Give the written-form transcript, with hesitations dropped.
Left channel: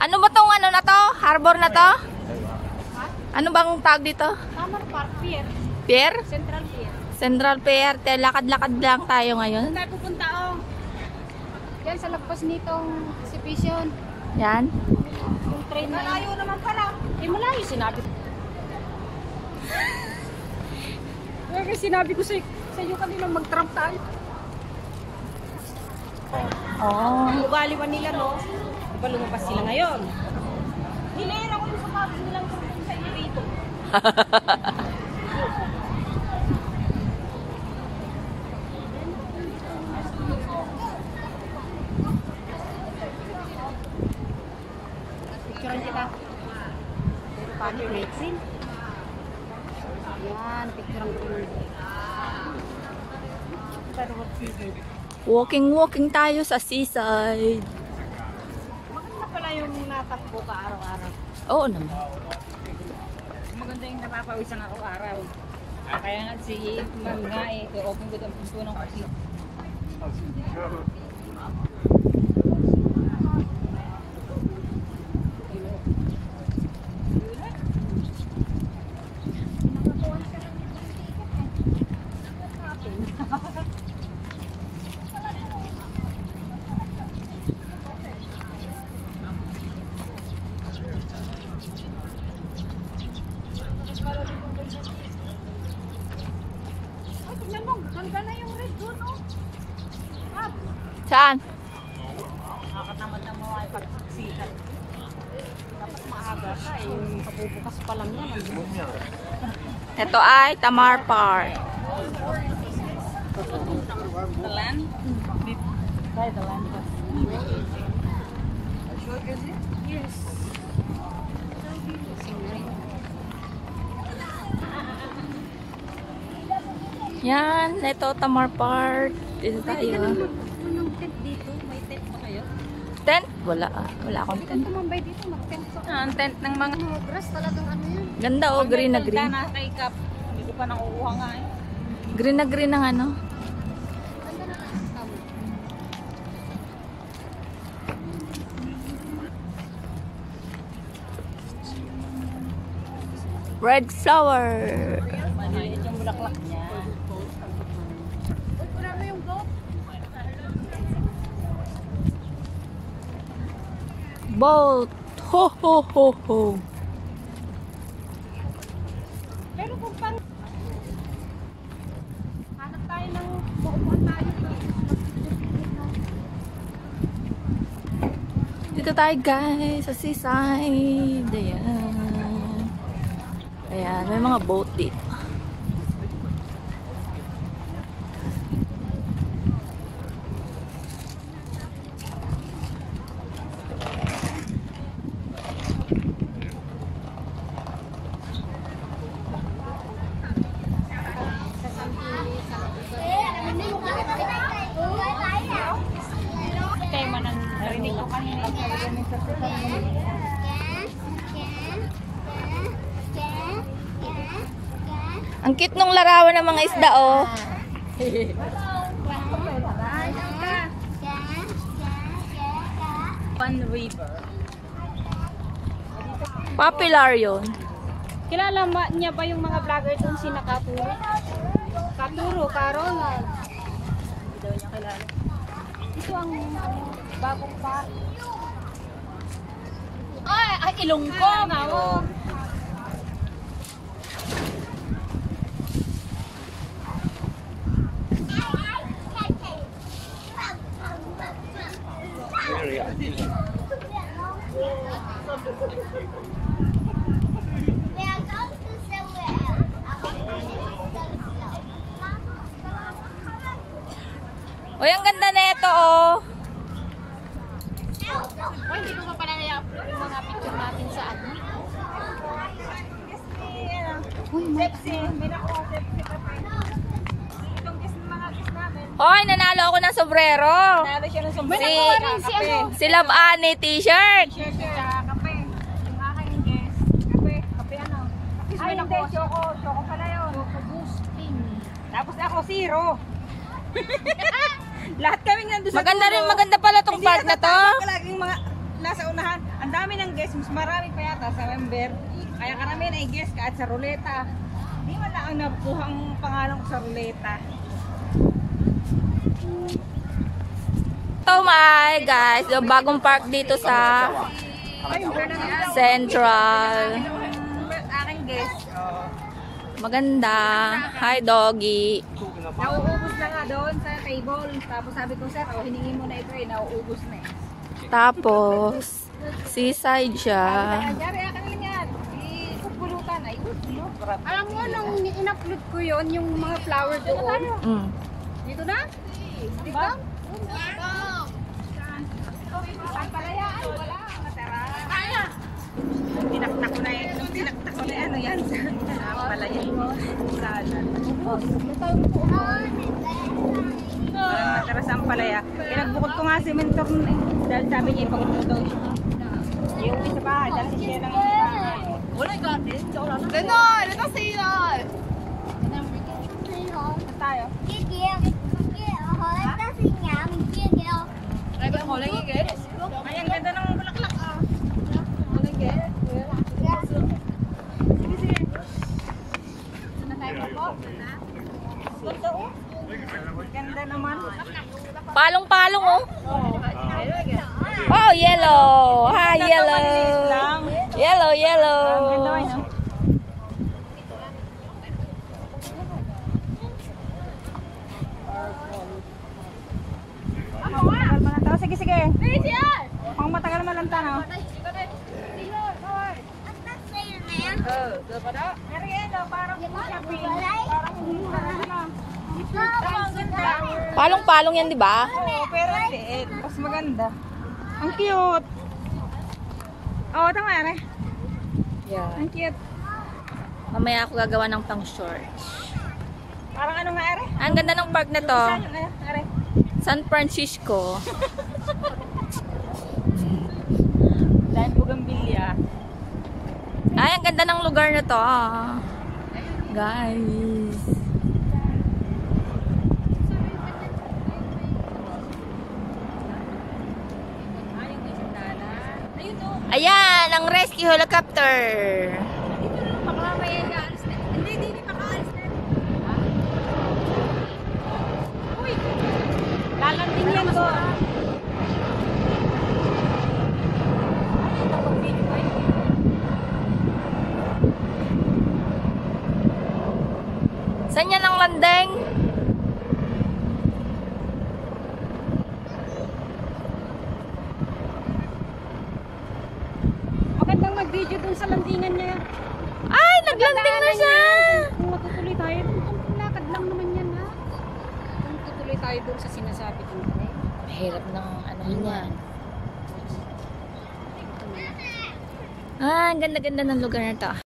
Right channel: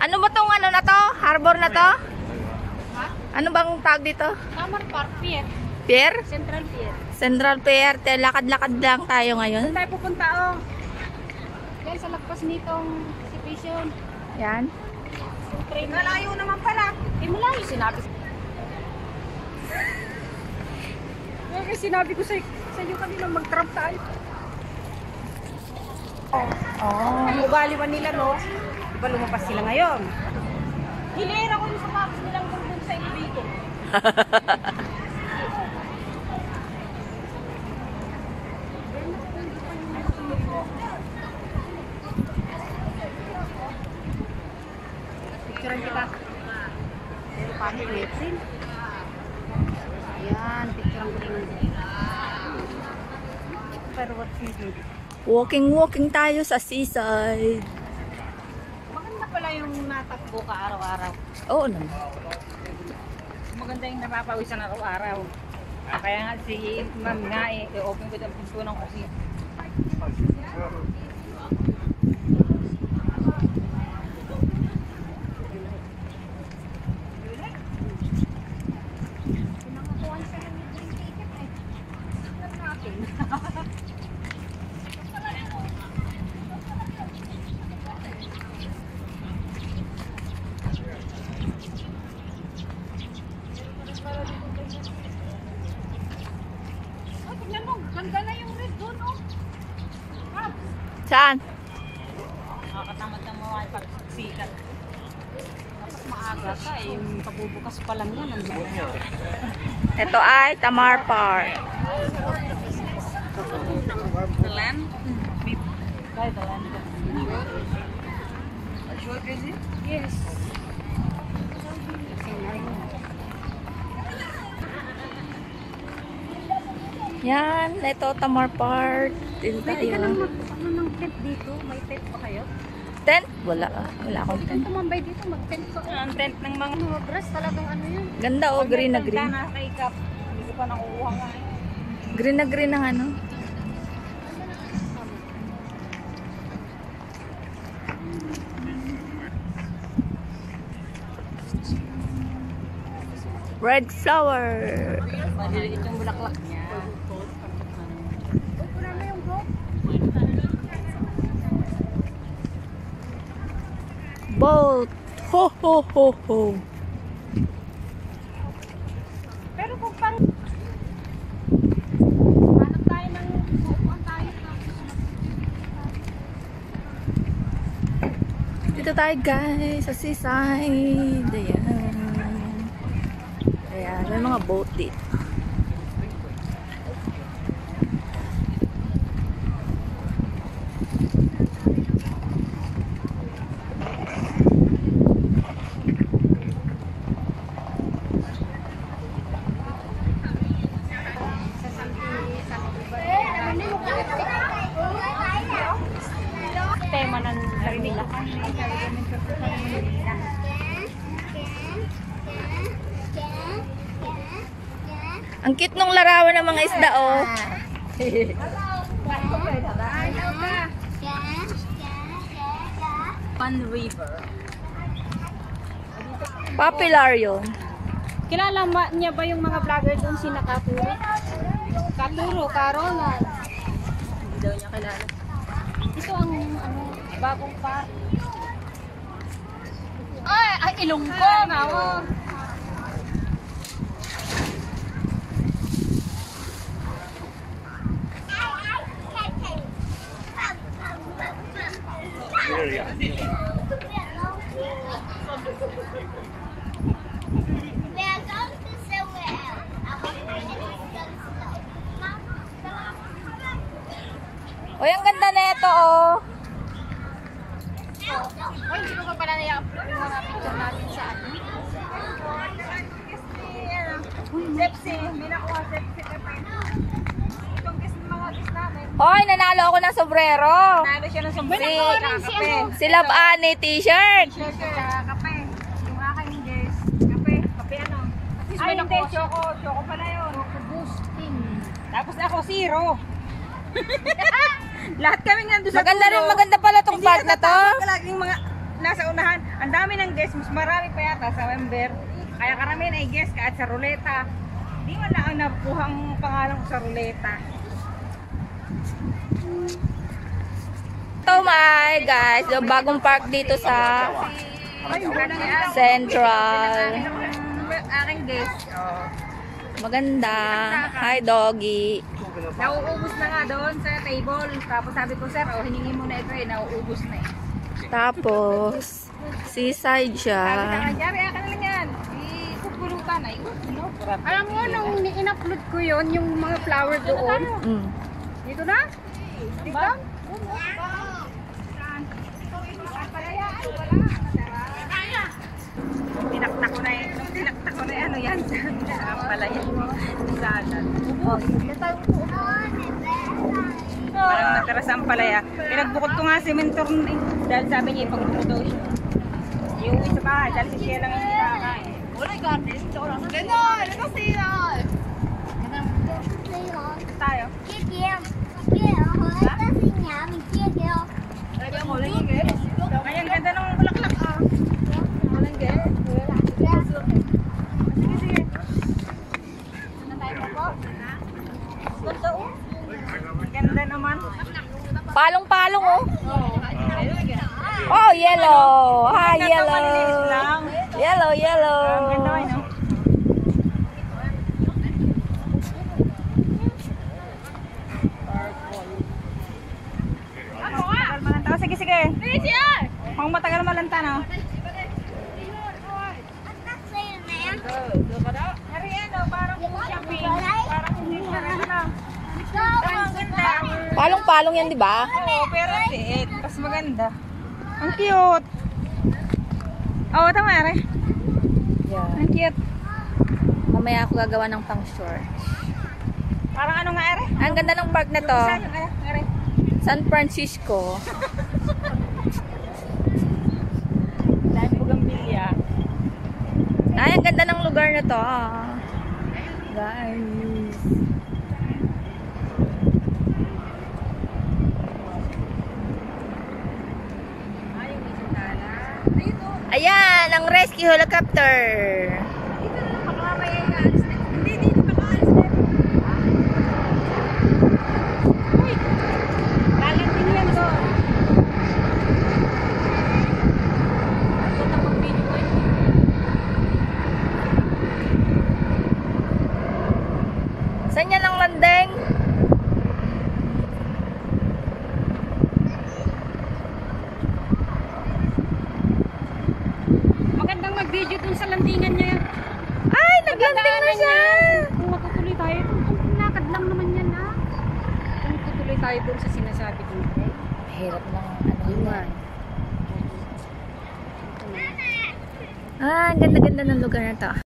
Ano ba tong ano na to? Harbor na to? Ha? Ano bang tawag dito? Summer Park Pier. Pier? Central Pier. Central Pier. Lakad-lakad lang tayo ngayon. Saan tayo pupunta oh? Yan sa lagpas nitong exhibition. Yan. Yung train. Malayo naman pala. Eh malayo sinabi. Kaya sinabi ko sa iyo kanina mag-tram tayo. Oh. Ang ugaliwan nila no? Diba lumabas sila ngayon? Hilera ko yung sapatos nilang pupunta sa iyo dito. Picturean kita. Pero pangit may train. Ayan, picturean ko rin ng pero what's this? Walking tayo sa seaside. Maganda pala yung natakbo ka araw-araw. Oo naman. Maganda yung napapawisan araw-araw. Kaya nga si Ma'am nga open ko ang pinto ng kasi. Ganda na yung red doon, oh. Saan? Nakatamad ng mga pagsikat. Maaga ka eh, yung kabubukas pa lang yun. Ito ay Tamar Park. The land? By the land. Sure, is it? Yes. Yan, ito Tamar Park. Dito tayo. Ano ng tent dito? May tent pa kayo? Tent? Wala. Wala akong tent. Tumambay dito, mag-tent pa. Ang tent ng mga dress talagang ano yun. Ganda oh, green na green. Ganda na kay Kap. Hindi ko pa nakukuha nga eh. Green na green ng ano. Red flower. Maliliit yung bulaklak niya. Wala na yung goat. Boat. Ho ho ho ho. Pero kung pang hanap tayo ng buuan tayo. Dito tayo guys sa seaside. Ayan. Ayan, may mga boat dito. Tema ng narinig ko kanina. Ang cute nung larawan ng mga isda oh. Fun River. Popular yun. Kilala niya ba yung mga vlogger doon si Nakaturo? Katuro, Karol na. Hindi daw niya kilala. Ito ang bagong pa. Ay, Ilonggo nga oh. Uy, ang ganda na ito oh. Uy, hindi ko pala na-upload yung mga picture natin sa ano. Sepsi, may nakuha Sepsi ka pa. Itong mga guest namin. Hoy, nanalo ako ng sombrero. Nalo siya ng sombrero. Si Love Annie t-shirt. T-shirt at kape. Yung aking guest. Kape. Kape ano? Ay, hindi. Choco. Choco pala yun. Boosting. Tapos ako, zero. Lahat kami nandun sa Maganda rin, maganda pala tong park na to. Palaging mga nasa unahan. Ang dami ng guest, mas marami pa yata sa member. Kaya karamihan ay guest kahit sa ruleta. Hindi man lang ang nakuhang pangalan ko sa ruleta. Oh my guys, yung bagong park dito sa Central. Aking guest. Oh. Maganda. Hi doggy. Nauubos na nga doon sa table. Tapos sabi ko, sir, hiningi mo na ito eh. Nauubos na eh. Tapos seaside siya. Kanyari, akin lang yan. Ipupulutan. Ay, Alam mo, nung in-upload ko yun, yung mga flower doon. Dito na? Dito? palaya. Ay, wala. Natara. Tinaktak ko na eh. Tinaktak ko na ano yan. Palaya mo. Parang natara sa palaya. Pinagbukod ko nga si mentor nun eh. Dahil sabi niya, ipagbuko doon. Yung isa ka, dahil siya lang. Wala yung garden. Tayo. Ayan, ganda ng bulaklak ah. Walang get. Sige, sige. Ganda oh. Ganda naman. Palong-palong oh. Oh, yellow. Hi, yellow. Yellow, yellow. Matagal malanta. Sige, sige. Ang matagal malanta na. Palong-palong yan, di ba? Oo, pero liit. Mas maganda. Ang cute. Oo, tama yan eh. Yeah. Ang cute. Mamaya ako gagawa ng pang short. Parang ano nga ere? Ang ganda ng park na to. Saan yung ere? San Francisco. Dahil Bougainvillea. Ay, ang ganda ng lugar na to. Ah. Guys. Ayan, ang rescue helicopter. Saan yan ang landing? Magandang mag-video dun sa landingan niya. Ay, naglanding na siya. Kung matutuloy tayo, kung lakad lang naman yan ha. Kung tutuloy tayo dun sa sinasabi ko. Mahirap ng ano yan. Ah, ang ganda-ganda ng lugar na to.